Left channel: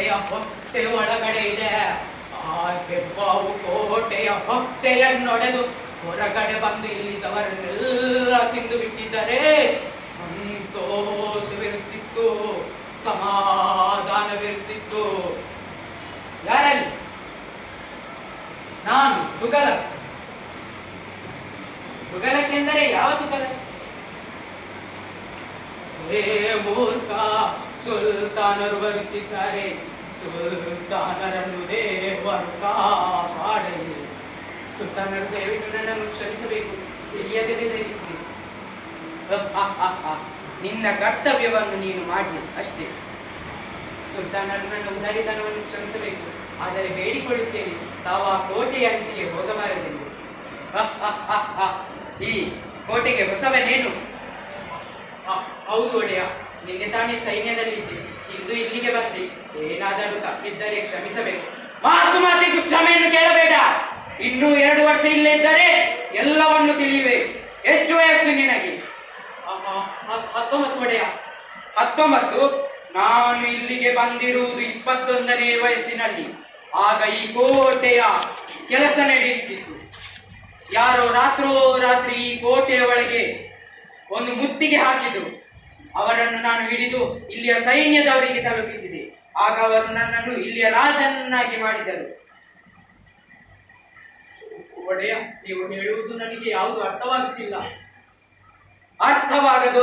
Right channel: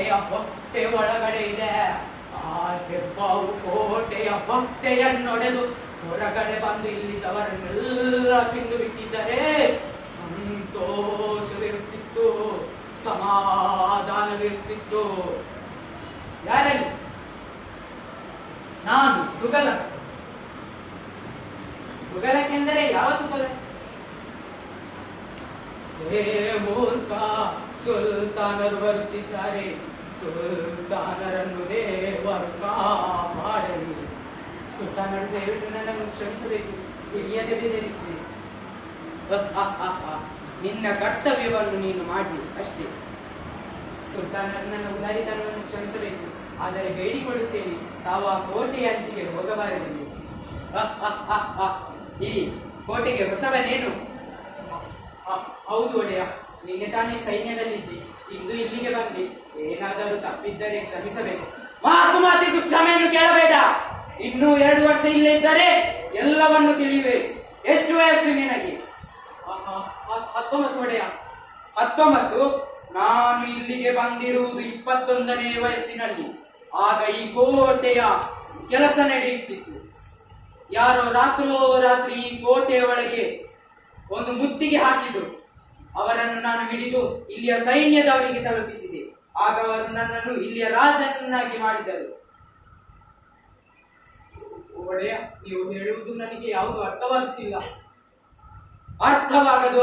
ಕೋಟೆಯ ಹೊಟ್ಟೆ ಒಳಗಡೆ ಇದೆ. ಆ ಹೆಬ್ಬಾವು ಕೋಟೆಯ ಹೊಟ್ಟೆಯನ್ನೊಡೆದು ಹೊರಗಡೆ ಬಂದು ಇಲ್ಲಿದ್ದವರನ್ನೆಲ್ಲ ತಿಂದು ಬಿಟ್ಟಿದ್ದರೆ ಸಂತೋಷವಿರುತ್ತಿತ್ತು, ಸಮಾಧಾನವಿರುತ್ತಿತ್ತು. ಯಾರಲ್ಲಿ? ನಾನು ತುಘಲಕ್. ತುಘಲಕ್ ಎಂದರೆ ಯಾವ ತುಘಲಕ್? ಹೇ ಮೂರ್ಖ, ಸುಲ್ತಾನರು ಬರುತ್ತಿದ್ದಾರೆ. ಸುಲ್ತಾನರನ್ನು ದೇವರು ಕಾಪಾಡಲಿ. ಸುಲ್ತಾನರು ದಯವಿಟ್ಟು ನನ್ನನ್ನು ಕ್ಷಮಿಸಬೇಕು, ತಿಳಿಯದೆ ಬೆದರಿಸಿ. ನಿನ್ನ ಕರ್ತವ್ಯವನ್ನು ನೀನು ಮಾಡಿ ಅಷ್ಟೇ. ಸುಲ್ತಾನರು ನನ್ನ ಉದಾರಿತನವನ್ನು ಕ್ಷಮಿಸಬೇಕು, ಆದರೆ ಬೇಡಿಕೊಳ್ಳುತ್ತೇನೆ, ತಾವು ಆ ಕೋಟೆಯ ಅಂಚಿಗೆ ಹೋಗಬಾರದೆಂದು. ಈ ಕೋಟೆಗೆ ಹೊಸವನೇನು? ಹೌದು ಒಡೆಯ, ನಿನ್ನೆ ತಾನೇ ಸೈನ್ಯದಲ್ಲಿದ್ದೆ, ಇಂದು ಇಲ್ಲಿಗೆ ಬಂದೆ. ಏನಾದರೂ ತಪ್ಪಿದ್ದರೆ ಕ್ಷಮಿಸಬೇಕು. ಮಾತಿಗೂ ಕ್ಷಮೆಯನ್ನು ಕೇಳಬೇಡ. ಇನ್ನೂ 2 ವರ್ಷ ಇಲ್ಲೇ ಇದ್ದರೆ ಎಲ್ಲವನ್ನು ತಿಳಿಯುವೆ. ಎಷ್ಟು ವಯಸ್ಸು ನಿನಗೆ? 19 ಒಡೆಯ. 19? ನಾನು ಇಲ್ಲಿಗೆ ಬಂದಿರುವುದು 21ನೇ ವಯಸ್ಸಿನಲ್ಲಿ. ಆಗ ಈ ಕೋಟೆಯ ಕೆಲಸ ನಡೆಯುತ್ತಿತ್ತು. ಯಾರೋ ರಾತ್ರಿ ಈ ಕೋಟೆಯ ಒಳಗೆ ಒಂದು ಮುತ್ತಿಗೆ ಹಾಕಿದ್ರು. ಅವರನ್ನು ನಾನು ಹಿಡಿದು ಇಲ್ಲಿಯ ಸೈನ್ಯದವರಿಗೆ ತಲುಪಿಸಿದೆ. ಆಗ ಅವರು ನನ್ನನ್ನು ಇಲ್ಲಿಯ ರಾಜನನ್ನಾಗಿ ಮಾಡಿದರು. ಒಡೆಯ, ನೀವು ಹೇಳುವುದು ನನಗೆ ಯಾವುದು ಅರ್ಥವಾಗುತ್ತಿಲ್ಲ. ಅರ್ಥವಾಗದು.